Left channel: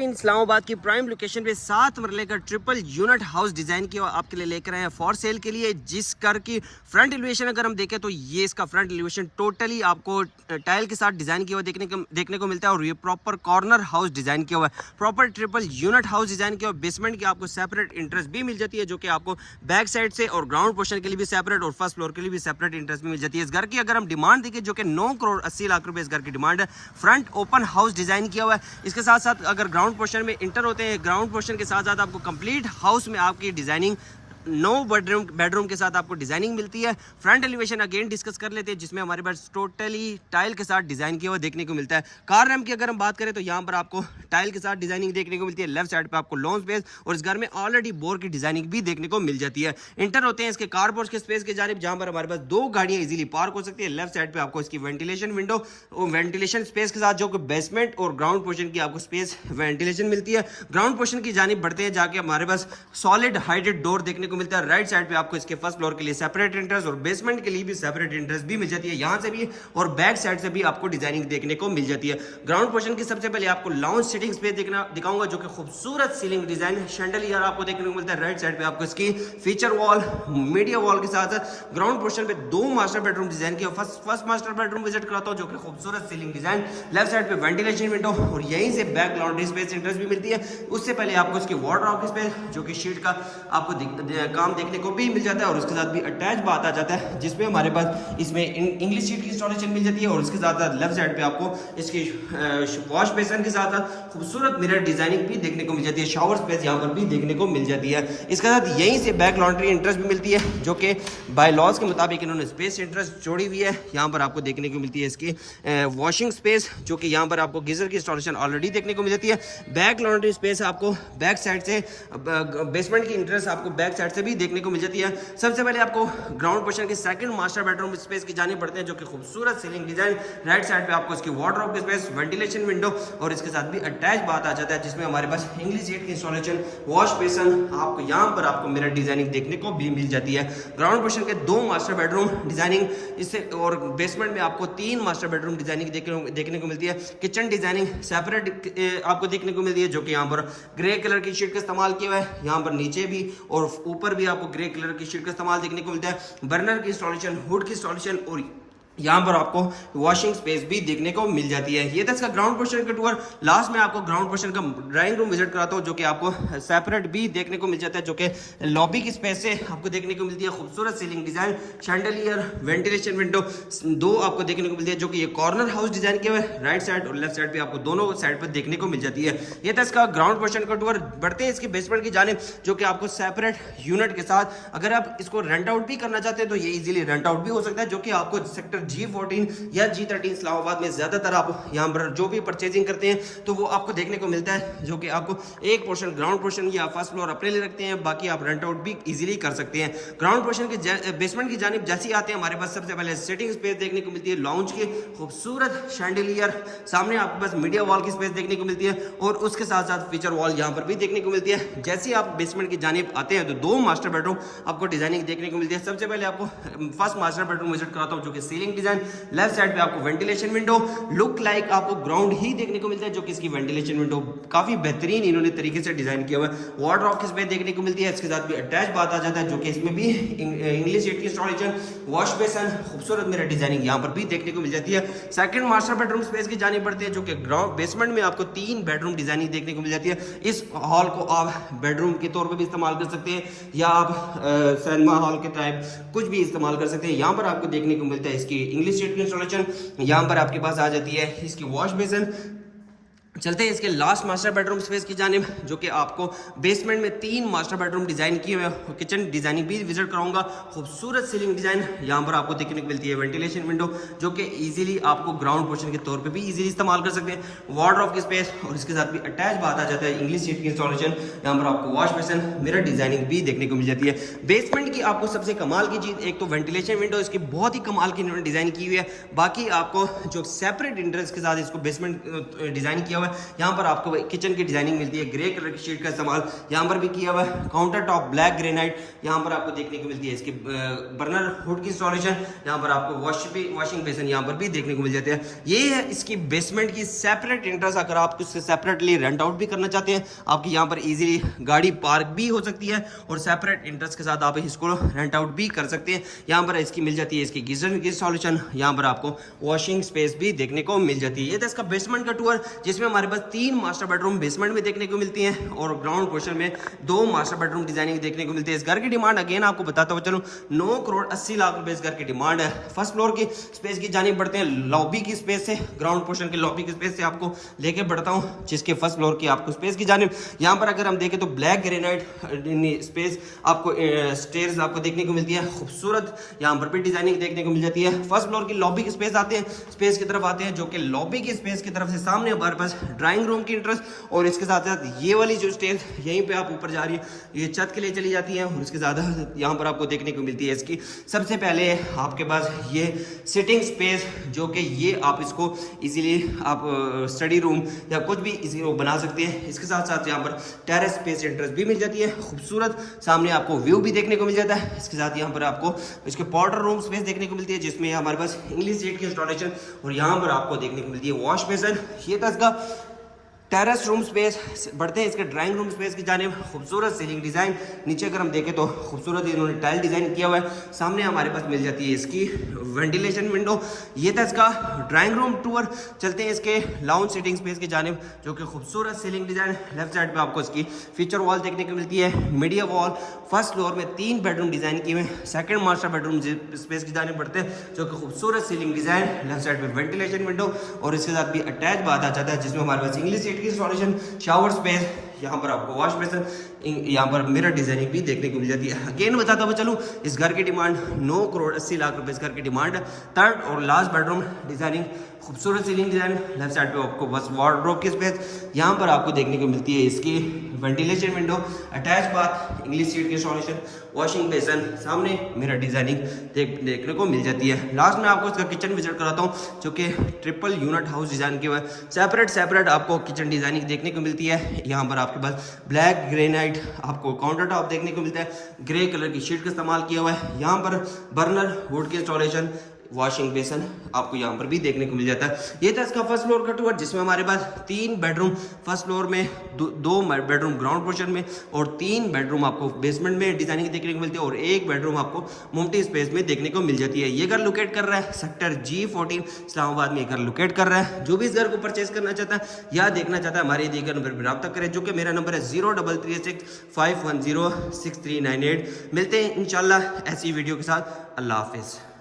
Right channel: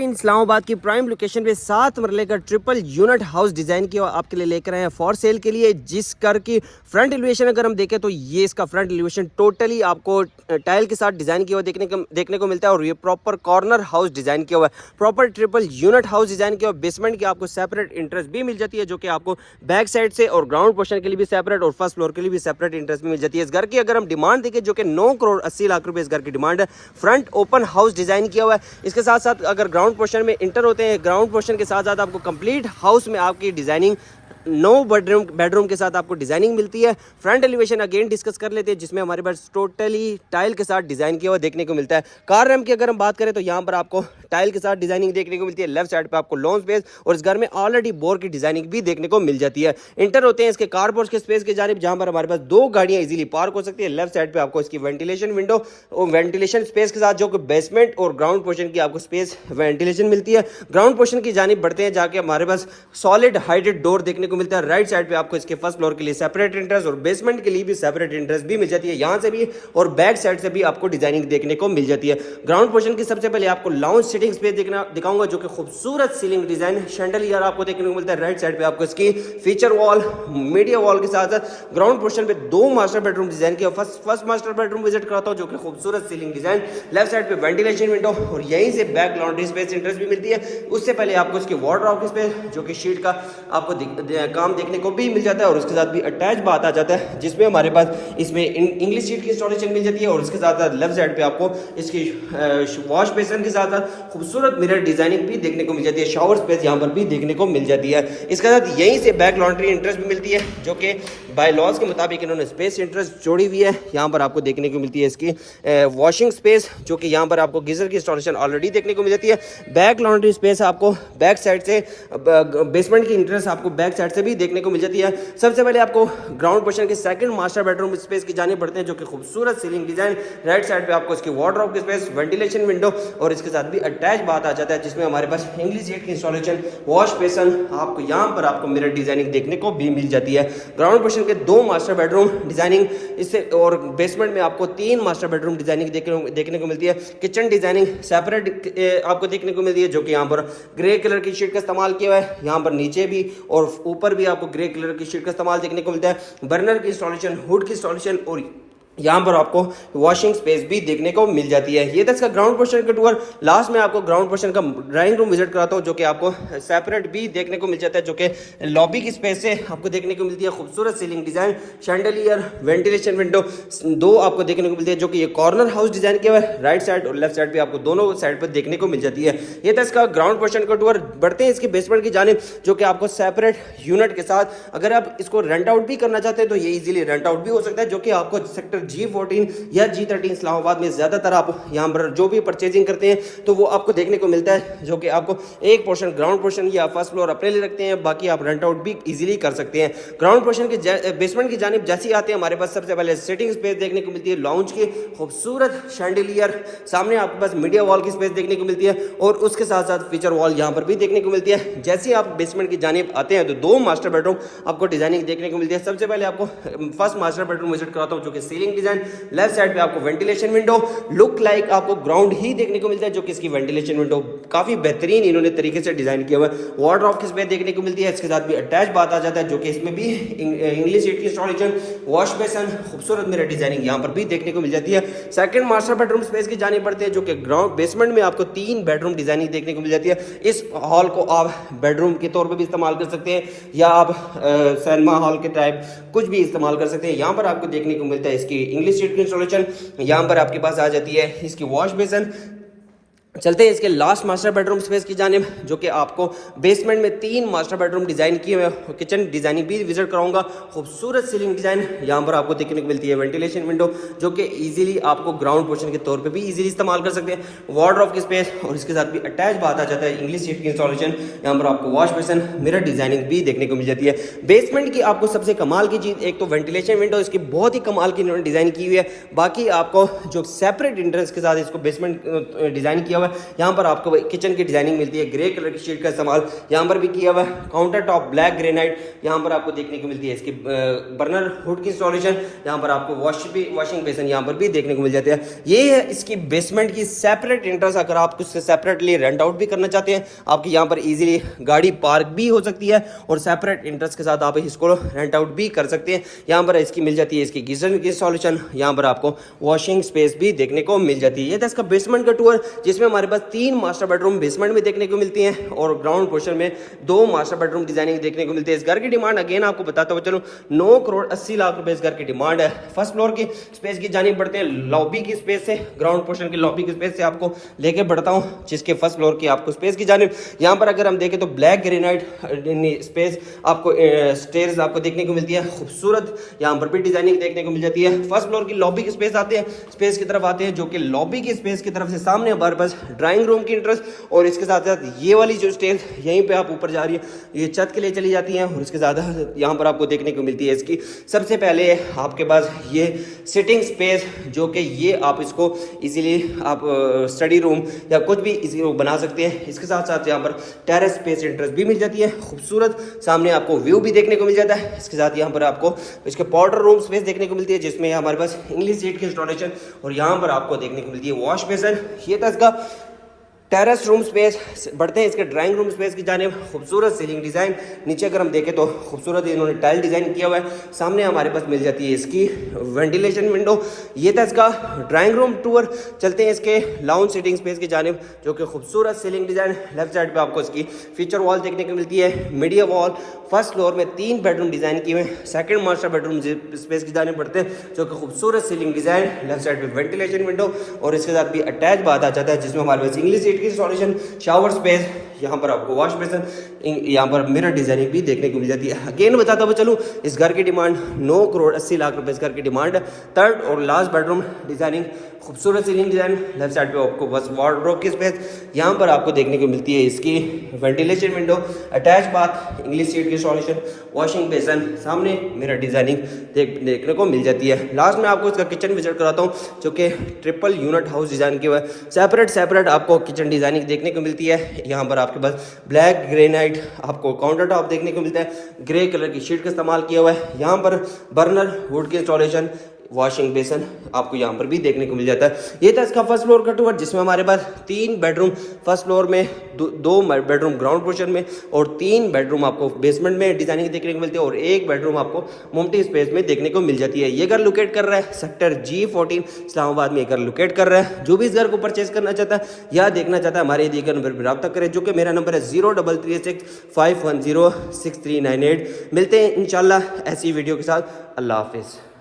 इस्लामाबाद की prime location पे 7 मरले का ट्रिपल यूनिट हाउस डिजाइन किया आपके लिए लेकर आए हैं फॉर सेल के लिए। जिस घर की फ्रंट एलिवेशन अगर हम देखें तो ये इसका फ्रंट एलिवेशन टोटली आपको टाइल के साथ डिजाइन किया हुआ देखने को मिलता है। और ये प्रॉपर कॉर्नर हाउस डिजाइन किया हुआ है, proper triple unit house design किया हुआ। बेसमेंट की आपको सेपरेट इंटरेस्ट भी मिल जाती है, जो कि आपको बैक साइड से और ग्राउंड पोर्शन के लिए भी सेपरेट और फर्स्ट फ्लोर के लिए भी सेपरेट इंटरेस्ट भी मिल जाती है। इस घर की अगर हम डिमांड देखें जो कि 9 करोड़ 80 लाख रुपए इस घर की डिमांड है। फ्रंट ओपन हाउस डिजाइन किया हुआ है। इसके साथ साथ अगर ग्राउंड पोर्शन में इंटर होते हैं, ग्राउंड पोर्शन के साथ साथ आपको कंप्लीट हाउस में आपकी डिजाइनिंग 9 बेडरूम के साथ आपको डिजाइनिंग मिलती है। फ्रंट एलिवेशन अगेन डिस्कस कर लेते हैं, जिसमें हमारे पास टोटली टाइल के साथ डिजाइन किया हुआ देखने को मिलता है। कार रैम्प की अगर हम बात करें तो यहाँ पर आपको टाइल के साथ डिजाइनिंग देखने को मिलती है। लेफ्ट साइड पे आपको लॉन स्पेस और इस घर में ऑलरेडी बोर की डिजाइनिंग भी देखने को मिल जाती है। इंटर होते हैं इसके कारपोर्ट के स्पेस की जानिब, जहां पर हमारे पास 2 गाड़ियां इजीली पार्क हो सकती है। लेफ्ट साइड पे आपको इसकी वेंटिलेशन विंडो और वेंटिलेशन स्पेस के साथ जो कि बेसमेंट और ग्राउंड पोर्शन की आपको स्पेस वेंटिलेशन मिलती है। ग्राउंड पोर्शन की जानिब बढ़ते हैं, जाके हमारे पास सॉलिड हाइटेड डोर देखने को मिलता है। राइट साइड आपको इसके फर्स्ट फ्लोर के लिए सेपरेट इंटरेस्ट और बेसमेंट के लिए भी सेपरेट इंटरेस्ट भी मिल जाती है, यहां से भी और बैक साइड से भी आपको डिजाइनिंग देखने को मिल जाती है। ग्राउंड पोर्शन की सबसे पहले आपको लाउंज सिटिंग स्पेस दिखाऊंगा, जो कि खूबसूरत सीलिंग डिजाइन शैंडलियर आपको देखने को मिलता है। राइट साइड पे आपको इसकी फीचर वॉल, मीडिया वॉल के साथ साथ ग्राउंड पोर्शन पे 2 मास्टर बेडरूम डिजाइन किया। फर्स्ट मास्टर बेडरूम विजिट कराता हूं, जो कि खूबसूरत सीलिंग डिजाइन। लेफ्ट साइड पे वेंटिलेशन विंडो और यहीं से बैक लॉन्ड्री स्पेस इंटरेस्ट भी मिलती है। उससे पहले आपको इसकी वार्डरोब की स्पेस, जो कि शीट का आपको काम देखने को भी मिल जाता है और उसके साथ भी अटैच बात आ जाता है, जिसमें हमारे पास इसमें इंग्लिश शीट की इंस्टॉलेशन मिल जाती है। और उसके साथ साथ लेफ्ट साइड पे आपको इसकी वॉश बेसिन के साथ साथ खूबसूरत मिरर डिजाइनिंग भी देखने को मिल जाती है। शावर स्पेस यहाँ पर भी देखने को मिल जाती है। इसके साथ यहीं से बैक लॉन्ड्री इंटरेस्ट भी मिलती है, जो कि बाय लॉज के मुताबिक इन्होंने स्पेस इंटरेस्ट जोड़ी हुई है। यहाँ पर आपको देखने को मिलती है इसकी वॉशिंग स्पेस, जो कि यहाँ पर आपको गीजर की इंस्टॉलेशन ऑलरेडी देखने को मिल जाती है। बैक लॉन्ड्री स्पेस आपको बैक साइड से बेसमेंट की इंटरेस्ट आपको बैक साइड से भी देखने को मिल जाती है। सबसे पहले आपको ग्राउंड पोर्शन के सेकंड मास्टर बेडरूम स्पेस की जाने पड़ते हैं, जो कि खूबसूरत सीलिंग डिजाइन। राइट साइड पे आपको इसकी वार्डरोब की स्पेस, वेंटिलेशन विंडो और इसके साथ भी अटैच बात आ जाता है, जिसमें हमारे पास इंग्लिश सीट की इंस्टॉलेशन, वॉश बेसिन, आपको यहाँ पर आपको मिरर डिजाइनिंग देखने को भी मिल जाती है। ग्राउंड पोर्शन के 2 मास्टर बेडरूम डिजाइनिंग इससे और बेसमेंट में आपको 3 मास्टर बेडरूम डिजाइनिंग देखने को मिलती है। किचन डिजाइनिंग सेपरेट आपको देखने को मिलती है, जो कि यहाँ पर ग्रे कलर की शीट का इस्तेमाल किया हुआ है। यहाँ पर नीचे भी और ऊपर भी आपको ग्रे कलर की शीट का इस्तेमाल देखने को मिलता है। बर्नर की इंस्टॉलेशन, हुड की इंस्टॉलेशन और यहाँ पर आपको वॉशिंग स्पेस भी देखने को मिल जाती है। ये था इसका ग्राउंड पोर्शन का टूर। लास्ट में आपको ग्राउंड पोर्शन का ड्राइंग रूम विजिट कराता हूँ, जो कि आपको सेपरेट भी देखने को मिल जाता है, जो कि लॉबी की स्पेस से आपको देखने को मिलती है। खूबसूरत ceiling design, chandelier, ventilation window 2 आपको देखने को मिलती है, जो कि ये कॉर्नर हाउस डिजाइन किया हुआ है। राइट साइड और लेफ्ट साइड पे आपको दोनों साइड पर देखने को मिल जाती है। ये था इसका ग्राउंड पोर्शन का टूर। बढ़ते हैं इसके बेसमेंट की जानिब, जो कि आपको सेपरेट यूनिट के साथ अगर आप इसको रेंट आउट भी करना चाहते हैं तो ये इजीली रेंट आउट भी हो सकता है, जो कि आपको सेक्टर G14 या G13 इस्लामाबाद में ज्यादातर आप यहाँ पर जो भी परचेजिंग करते हैं तो वो आपको देखने को मिलता है, जो कि आपको एक पोर्शन ग्राउंड पोर्शन या फर्स्ट फ्लोर अपने लिए रखते हैं, बाकी आप रेंट आउट भी इजीली कर सकते हैं। ग्राउंड पोर्शन के बेसमेंट की जानिब जैसे ही आते हैं, हमारे पास सबसे पहले सिटिंग स्पेस देखने को मिलती है। लाउंज की खूबसूरत शैंडलियर, सामने आपके पास मीडिया वॉल की स्पेस देखने को मिलती है और उसके साथ साथ फीचर वॉल यहाँ पर भी देखने को मिलती है। जैसे ही आप बेसमेंट की जानिब आते हैं तो 2 मास्टर बेडरूम आपको डिजाइनिंग देखने को मिलती है। सबसे पहले आपको फर्स्ट मास्टर बेडरूम विजिट कराता हूँ, जो कि सीलिंग डिजाइन। लेफ्ट साइड पे आपको वेंटिलेशन विंडो लुक लाइक आपको ग्राउंड ही देखने को मिलता है, जो कि इसकी वेंटिलेशन विंडो काफी बेहतरीन इन्होंने तरीके से डिजाइन किया हुआ है। वार्डरोब की स्पेस देखने को मिलती है, इसके साथ भी अटैच बात आ जाता है, जो कि इसमें भी इंग्लिश सीट की इंस्टॉलेशन, वॉश बेसिन, खूबसूरत मिरर डिजाइनिंग यहाँ पर भी देखने को मिल जाती है। सेकंड मास्टर बेडरूम स्पेस की जाने पड़ते हैं, जो कि ग्राउंड बेसमेंट में आपको 3 बेडरूम डिजाइनिंग देखने को मिल जाती है। इस हॉल को आप बेडरूम के तौर पर भी इस्तेमाल कर सकते हैं या आप सिनेमा हॉल के टाइप कुछ भी इस्तेमाल कर सकते हैं। यहाँ पर आपको देखने को मिलता है इसकी इंग्लिश सीट की इंस्टॉलेशन, यहाँ पर आपके पास आ जाती है इसकी वॉश बेसिन। चलते हैं इसके लास्ट मास्टर बेडरूम स्पेस की जानिब, जो कि आपको बेसमेंट में 3 मास्टर बेडरूम डिजाइन किए हुए, किचन डिजाइनिंग भी विजिट कराऊंगा। खूबसूरत सीलिंग डिजाइन यहाँ पर आपको देखने को मिलती है। वेंटिलेशन विंडो, जो कि इजीली आपको ग्राउंड पोर्शन के तौर पे भी इजीली इस्तेमाल कर सकते हैं। वार्डरोब की स्पेस और इसके साथ भी अटैच बात आ जाता है इंग्लिश सीट की इंस्टॉलेशन। यहाँ पर आपको वॉश बेसिन, मिरर डिजाइनिंग भी देखने को मिल जाती है। बेसमेंट की आपको सबसे कमाल की चीज एक तो वेंटिलेशन विंडो, इसकी बहुत ही कमाल की इन्होंने डिजाइन की हुई है। बाकी आपको जो सेपरेट इंटरेस्ट के साथ इसको बेसमेंट डिजाइन किया हुआ हुआ है। यहाँ पर आपको किचन की डिजाइनिंग मिलती है, ग्रे कलर की शीट का इस्तेमाल यहाँ पर भी किया हुआ है। काउंटर टॉप ब्लैक ग्रेनाइट यहाँ पर आपको देखने को मिलती है। इसकी बर्नर हुड की इंस्टॉलेशन, यहाँ पर आपको वॉशिंग बेसिन यहाँ पर भी देखने को मिल जाते हैं। ये है इसकी बेसमेंट की सेपरेट एंट्रेंस। अगर आप उससे सेपरेटली रेंट आउट भी करना चाहते हैं, आपकी यहाँ पर इजीली गाड़ी पार्क भी हो सकती है और सेपरेट एंट्रेंस के साथ आप इसको रेंट आउट भी कर सकते हैं। यहाँ पर इसकी मिल जाती है इसकी गीजर की इंस्टॉलेशन, यहाँ पर आपको वॉशिंग स्पेस भी देखने को मिल जाती है। ये था इसका बेसमेंट का टूर, जिसमें हमारे पास 3 मास्टर बेडरूम बेसमेंट में देखने को मिलती हैं और ग्राउंड पोर्शन में 2 मास्टर बेडरूम डिजाइनिंग देखने को मिलती है। इस घर की डिमांड अगेन आपको बताता हुआ चलो 9 करोड़ 80 लाख रुपए इस घर की डिमांड है। फर्स्ट फ्लोर की स्पेस की जानी बढ़ते हैं लॉबी की स्पेस से, ग्राउंड पोर्शन की लॉबी की स्पेस से आपको लेके बढ़ता हूं, जिसके फर्स्ट फ्लोर की आपको स्पेस की जानिब यहाँ पर अगर हम देखें तो ब्लैक ग्रेनाइट स्पेस आपको स्टेयर्स आपको देखने को मिलती है। खूबसूरत यहाँ पर भी डिजाइनिंग देखने को मिल जाती है। फर्स्ट फ्लोर की लॉबी की स्पेस आते हैं, स्पेस की तरफ आते हैं, जो कि लॉबी की स्पेस की तरफ से सामने हमारे पास ड्राइंग रूम की एंट्रेंस और इसके साथ साथ ये वाली जो स्टेज यहीं पे आप ऊपर जा रही है, ये छत के लिए चली जाती है और इसके साथ यहाँ पर आपको देखने को मिलती है इसकी सबसे पहले आपके पास ये सिटिंग स्पेस, जो कि ये आप इसको इजीली आप स्टडी रूम या कुछ भी इसी बना सकते हैं। इसके साथ साथ यहाँ पर टेरेस स्पेस एंट्रेंस भी मिल जाती है, खूबसूरत सामने आपको व्यू भी देखने को मिल जाता है। इसके साथ यहाँ पर आपको इसके पाउडर रूम स्पेस देखने को मिलती है, जिसमें हमारे पास इंग्लिश सीट की इंस्टॉलेशन और यहाँ पर आपको देखने को मिलती है वॉश बेसिन। ये था इसका टेरेस रूम स्पेस। बढ़ते हैं इसके ड्राइंग रूम स्पेस की जानिब। खूबसूरत सीलिंग डिजाइन, नीचे अगर हम देखें तो खूबसूरत इन्होंने टाइल डिजाइन किया हुआ है। सामने हमारे पास मिल जाती है इसकी वेंटिलेशन विंडो। ये था इसका ड्राइंग रूम टूर। चलते हैं इसके लाउंज सीटिंग स्पेस की जानिब, जो कि खूबसूरत सीलिंग डिजाइन। लेफ्ट साइड पे आपको इसकी फीचर वॉल देखने को मिलती है, मीडिया वॉल। फर्स्ट फ्लोर में 3 बेडरूम डिजाइन किए हुए। सेकंड मास्टर बेडरूम स्पेस की जानिब बढ़ते हैं, जो कि खूबसूरत सीलिंग डिजाइन। लेफ्ट साइड पे वेंटिलेशन विंडो और इसके साथ भी अटैच बात आ जाता है, जिसमें हमारे पास English seat installation, shower space, यहाँ पर आपको वॉश बेसिन, यहाँ पर मिरर डिजाइनिंग भी देखने को मिल जाती है। अगेन बताता हुआ चलूँ, इस घर की डिमांड 9 करोड़ 80 लाख रुपए इस घर की डिमांड है। थर्ड और लास्ट बेडरूम डिजाइनिंग, खूबसूरत सीलिंग डिजाइन। लेफ्ट साइड पे आपको बस वार्डरोब की स्पेस, यहाँ पर आपको देखने को मिलती है इसकी ventilation window, attach bath, English seat की इंस्टॉलेशन, वॉशिंग बेसिन, सामने मिरर डिजाइनिंग देखने को मिल जाती है। लास्ट में आपको इसका किचन विजिट कराता हूँ, जो कि ट्रिपल यूनिट हाउस डिजाइन किया हुआ है। सेपरेट आपको किचन डिजाइनिंग देखने को मिलती है। यहाँ पर आपके पास ब्लैक ग्रेनाइट आपको काउंटर टॉप देखने को मिलता है, ग्रे कलर की शीट का इस्तेमाल किया हुआ है। यहाँ पर बर्नर वुड की इंस्टॉलेशन, वॉशिंग बेसिन आपको यहाँ पर भी देखने को मिल जाता है। ये था इसका फर्स्ट फ्लोर का टूर, जिसमें हमारे पास 3 बेडरूम फर्स्ट फ्लोर में, 2 बेडरूम ग्राउंड पोर्शन में और 3 बेडरूम आपको बेसमेंट में डिजाइनिंग देखने को मिलती है और 1 बेडरूम आपको मुमटी स्पेस में देखने को मिल जाती है। ये घर लोकेट कर रहा है सेक्टर G14 इस्लामाबाद में। ये घर लोकेट कर रहा है। जो भी इस घर को परचेज करना चाहता है या देखना चाहता है, हमारे दिए गए नंबर पर रब्ता करें, जो कि मेरा नंबर है 0336 510 6398। मिलते हैं इंशाल्लाह ऐसी वीडियो के साथ। अल्लाह हाफिज़।